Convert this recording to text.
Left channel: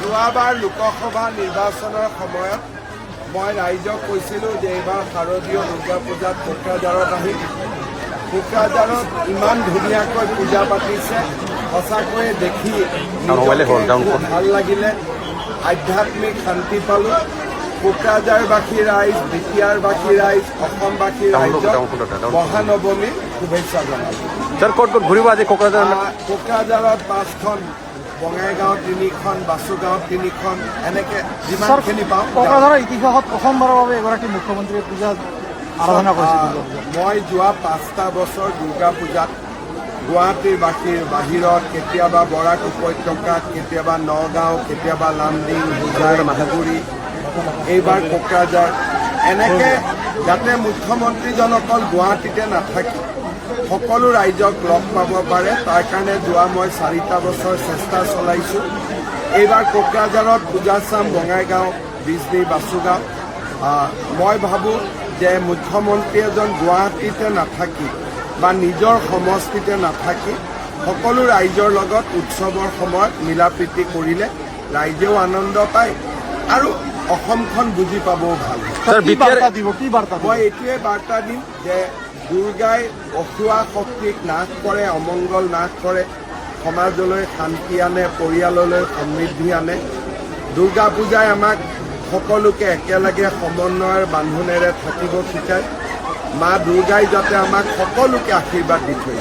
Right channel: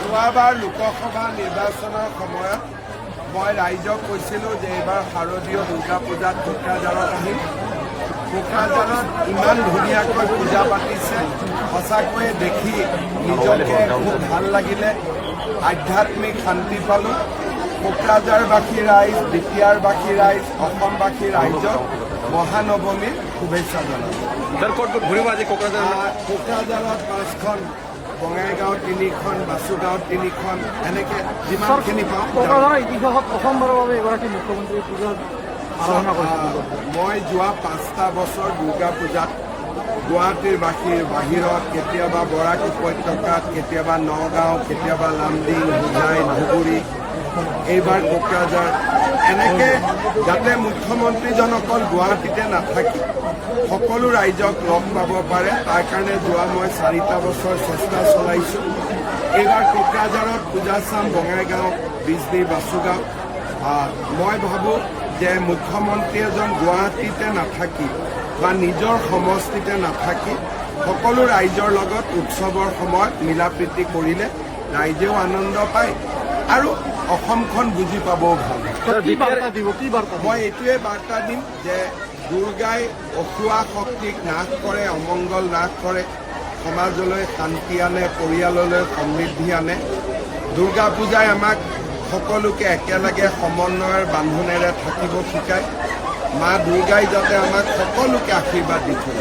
যোৱাবাৰ লোকসভা নিৰ্বাচনৰ সময়ত মই ৰাইজক কৈছিলোঁ যে এইবাৰ শাৰদীয় দুৰ্গা পূজাত কোকৰাঝাৰত আহিম। কোকৰাঝাৰত ইমান ধুনীয়াকৈ পূজা পাতিছে, সঁচাকৈয়ে দেখি নিজকে খুব ভাল লাগিলে, আধ্যাত্মিক শান্তি পালোঁ। কোকৰাঝাৰবাসী ৰাইজ, বিটিয়াৰবাসী ৰাইজ, অসমবাসী ৰাইজক মহানৱমীৰ শুভেচ্ছা জনালোঁ। কোকৰাঝাৰত 5খন, বঙাইগাঁও 3খন, বাসুগাঁও 3খন, এনেকে যিমানখিনি পাওঁ। ইতিহাসত প্ৰথমবাৰৰ বাবে এগৰাকী মুখ্যমন্ত্ৰীয়ে পূজা মই যোৱা 5টা বছৰ দুৰ্গা পূজাত গুৱাহাটীৰ বাসীৰ বাহিৰত, কেতিয়াবা বৰাক উপত্যকাত, কেতিয়াবা নগাঁও, কেতিয়াবা লামডিং, হোজাই, ধুবুৰী, এইবাৰ কোকৰাঝাৰ, এনেকে যাতে মুখ্যমন্ত্ৰীজন অকল গুৱাহাটীতে নাথাকি সকলো ৰাইজক লগ পাব পাৰে, তাৰ কাৰণে যোৱা মই 4টা বছৰ চেষ্টা চলাইছোঁ। এইবাৰ কোকৰাঝাৰত পূজা চাম, বঙাইগাঁও, বিজনী, বাসুগাঁও। মই ভাবোঁ যে মুখ্যমন্ত্ৰী এজন গুৱাহাটীতে নাথাকি বা নিজৰ সমষ্টিতে নাথাকি সকলো ৰাইজৰ লগত উৎসৱৰ সময়ত মিলা প্ৰীতি কৰিলে ৰাইজেও আনন্দ পায় আৰু অসমখন বুজি পাবও ভাল। মই এইটোৱে বাৰ্তা দিম যে দুৰ্গাই অসুৱা শক্তিক নাশ কৰে, অমংগল নাশ কৰে, সমাজলৈ শান্তি আনে, পৰিয়াললৈ সমৃদ্ধি আনে। দুৰ্গা পূজাই আমাক সকলোকে একেলগে সমন্বয়ৰ বান্ধোনেৰে থাকিব শিকায়। মা দুৰ্গাই যাতে আমাক সকলোকে আশীৰ্বাদ দি থৈ।